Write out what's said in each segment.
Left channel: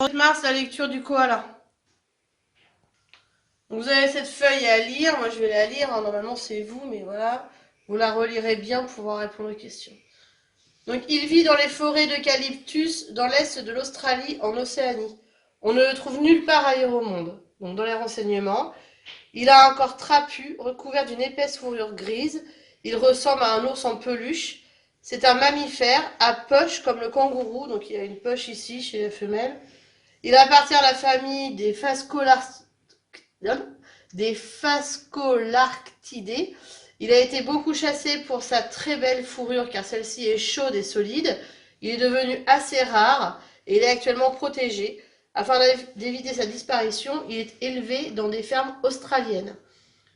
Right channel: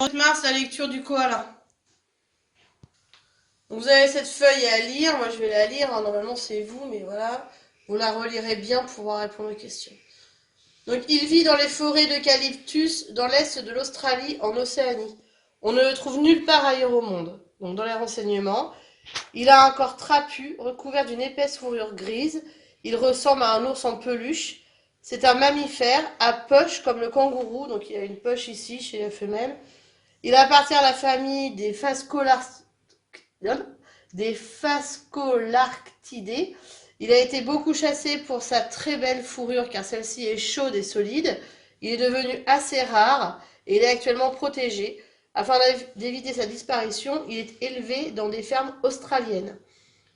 Mars, la lecture du koala. Vous avez cette feuille à lire, moi je vais la lire, hein. Normalement c'est vous, mais voilà, vous la relirez bien pour pouvoir répondre aux questions. Donc il vit dans les forêts d'eucalyptus dans l'est de l'Australie, en Océanie. On ne le trouve nulle part ailleurs au monde. Donc dans les renseignements, il a un corps trapu, recouvert d'une épaisse fourrure grise. Il ressemble à un ours en peluche. C'est un mammifère à poche comme le kangourou, donc il a une poche ici chez la femelle. Il appartient à la famille des Phascolarctidae. Il a été beaucoup chassé pour sa très belle fourrure car celle-ci est chaude et solide. Il est devenu assez rare et il est actuellement protégé. Afin d'éviter sa disparition, il est élevé dans des fermes australiennes.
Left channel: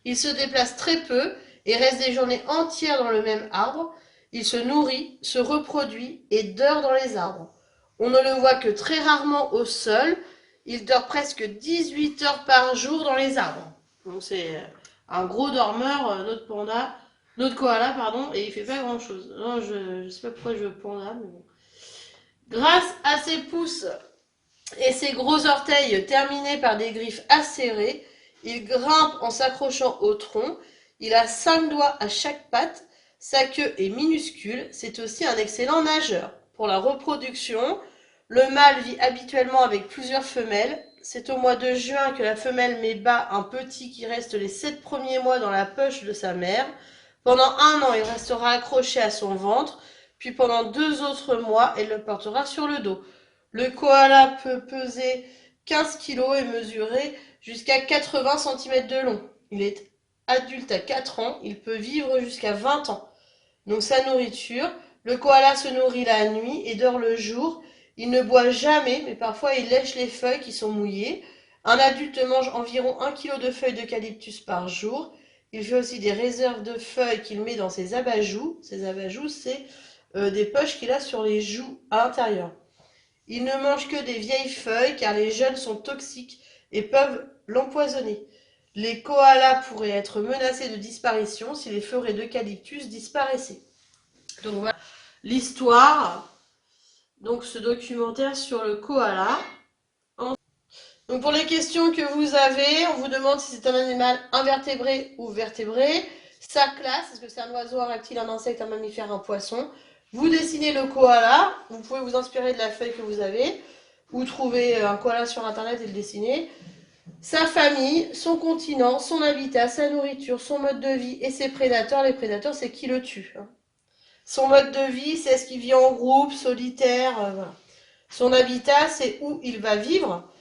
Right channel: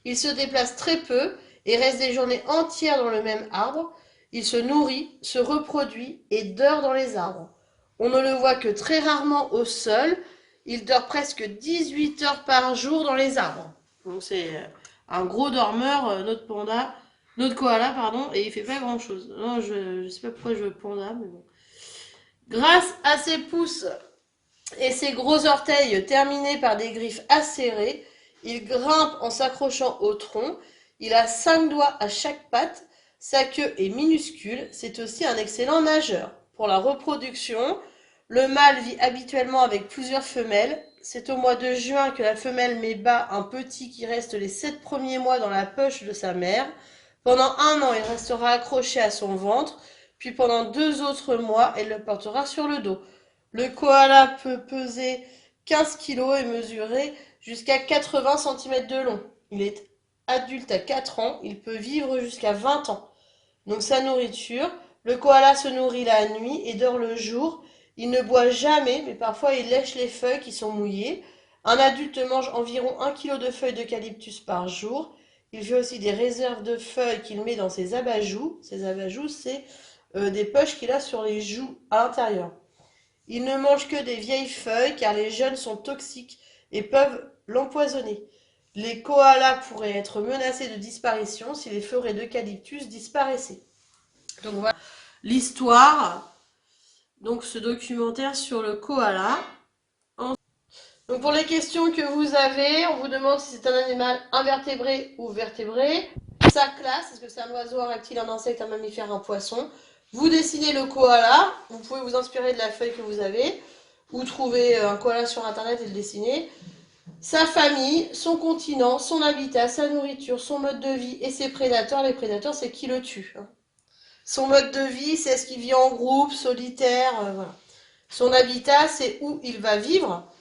Il se déplace très peu et reste des journées entières dans le même arbre. Il se nourrit, se reproduit et dort dans les arbres. On ne le voit que très rarement au sol. Il dort presque 18 heures par jour dans les arbres. Donc c'est un gros dormeur, notre koala, pardon, et il fait pas grand chose. Non, je sais pas pourquoi je veux panda, mais bon. Grâce à ses pouces et ses gros orteils terminés par des griffes acérées, il grimpe en s'accrochant au tronc. Il a 5 doigts à chaque patte. Sa queue est minuscule. C'est aussi un excellent nageur. Pour la reproduction, le mâle vit habituellement avec plusieurs femelles. C'est au mois de juin que la femelle met bas un petit qui reste les 7 premiers mois dans la poche de sa mère. Pendant un an, il restera accroché à son ventre, puis pendant 2 autres mois, elle le portera sur le dos. Le koala peut peser 15 kg et mesurer jusqu'à 80 cm de long. Il est adulte à 4 ans, il peut vivre jusqu'à 20 ans. Donc sa nourriture, le koala se nourrit la nuit et dort le jour. Il ne boit jamais, mais parfois il lèche les feuilles qui sont mouillées. Un adulte mange environ 1 kg de feuilles d'eucalyptus par jour. Il fait aussi des réserves de feuilles qu'il met dans ses abajous. Ses abajous, c'est des poches qu'il a sur les joues à l'intérieur. Il ne mange que des vieilles feuilles car les jeunes sont toxiques et peuvent l'empoisonner. Les koalas pourraient être menacés de disparition si les forêts d'eucalyptus disparaissaient. Donc voilà l'histoire, donc ce documentaire sur le koala. Donc pour les questions que vous avez, on vous demande si c'est un animal invertébré ou vertébré. Sa classe, est-ce que c'est un oiseau, un reptile, un insecte, un mammifère, un poisson? Vous dessinez le koala, vous pouvez vous inspirer de la feuille que vous avez, ou trouver un koala sur internet et le dessiner. Sa famille, son continent, son habitat, sa nourriture, son mode de vie et ses prédateurs. Les prédateurs, c'est qui le tue. Son mode de vie, c'est est-ce qu'il vit en groupe, solitaire, voilà. Son habitat, c'est où il va vivre.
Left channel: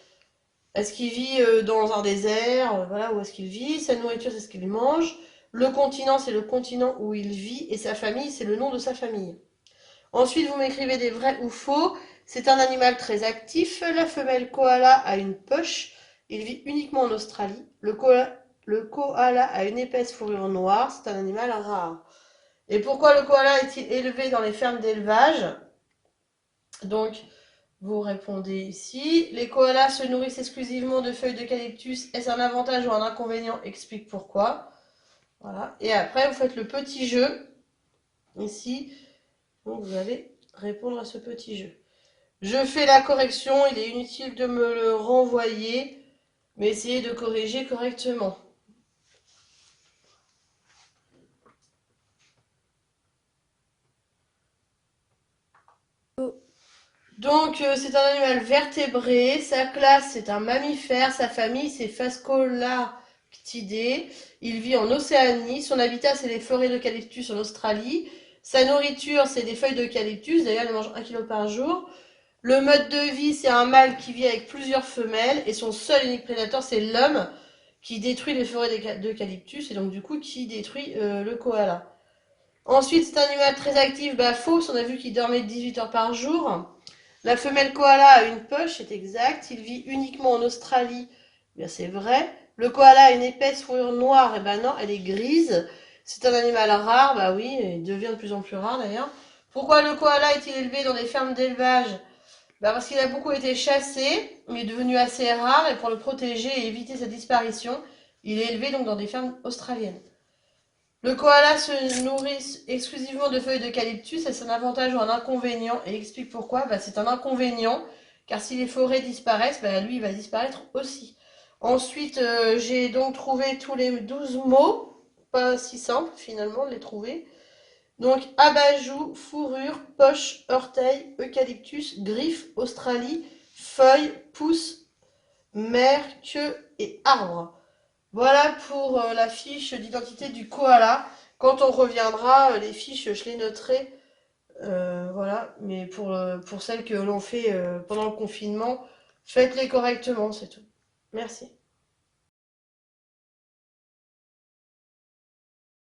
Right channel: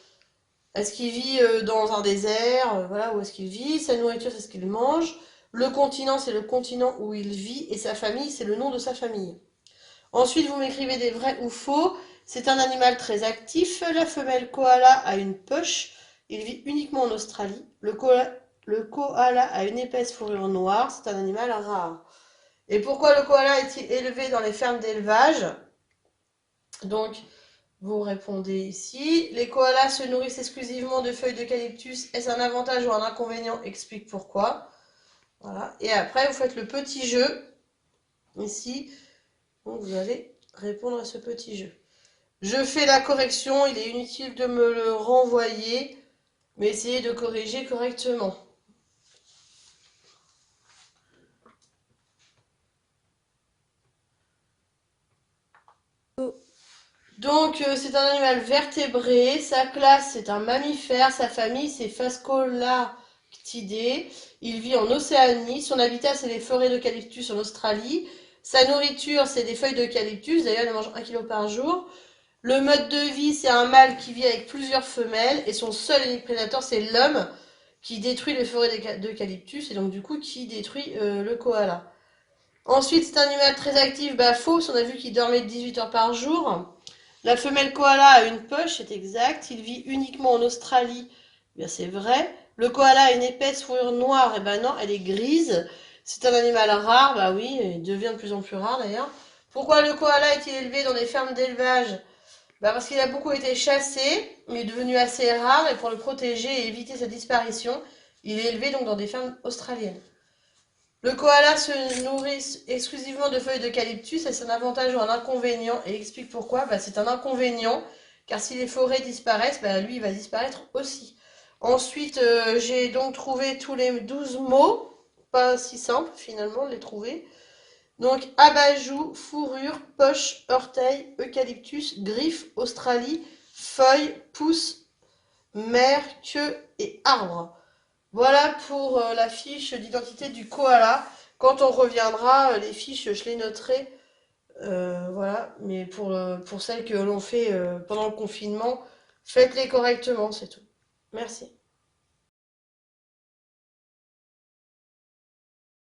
Est-ce qu'il vit dans un désert, voilà, où est-ce qu'il vit. Sa nourriture, c'est ce qu'il mange. Le continent, c'est le continent où il vit. Et sa famille, c'est le nom de sa famille. Ensuite, vous m'écrivez des vrais ou faux. C'est un animal très actif. La femelle koala a une poche. Il vit uniquement en Australie. Le koala a une épaisse fourrure noire. C'est un animal rare. Et pourquoi le koala est-il élevé dans les fermes d'élevage? Donc, vous répondez ici. Les koalas se nourrissent exclusivement de feuilles d'eucalyptus. Est-ce un avantage ou un inconvénient? Explique pourquoi. Voilà. Et après, vous faites le petit jeu. Ici, donc vous allez répondre à ce petit jeu. Je fais la correction. Il est inutile de me le renvoyer, mais essayez de corriger correctement. Donc, c'est un animal vertébré. Sa classe, c'est un mammifère. Sa famille, c'est Phascolarctidae. Il vit en Océanie. Son habitat, c'est les forêts d'eucalyptus en Australie. Sa nourriture, c'est des feuilles d'eucalyptus. D'ailleurs, il mange 1 kg par jour. Le mode de vie, c'est un mâle qui vit avec plusieurs femelles. Et son seul et unique prédateur, c'est l'homme qui détruit les forêts d'eucalyptus. Et donc, du coup, qui détruit le koala. Ensuite, c'est un animal très actif. Bah, faux. On a vu qu'il dormait 18 heures par jour. La femelle koala a une poche, c'est exact. Il vit uniquement en Australie. Bien, c'est vrai. Le koala a une épaisse fourrure noire. Eh ben non, elle est grise. C'est un animal rare. Bah oui, il devient de plus en plus rare d'ailleurs. Pourquoi le koala est-il élevé dans des fermes d'élevage? Bah parce qu'il a beaucoup été chassé, mais est devenu assez rare. Et pour le protéger et éviter sa disparition, il est élevé donc dans des fermes australiennes. Le koala se nourrit exclusivement de feuilles d'eucalyptus. Est-ce un avantage ou un inconvénient? Et explique pourquoi. Bah, c'est un inconvénient, car si les forêts disparaissent, bah, lui, il va disparaître aussi. Ensuite, j'ai donc trouvé tous les 12 mots, pas si simple finalement de les trouver. Donc, abat-joue, fourrure, poche, orteil, eucalyptus, griffe, Australie, feuille, pouce, mer, queue et arbre. Voilà pour la fiche d'identité du koala. Quand on reviendra, les fiches, je les noterai. Voilà, mais pour celles que l'on fait pendant le confinement, faites-les correctement, c'est tout. Merci.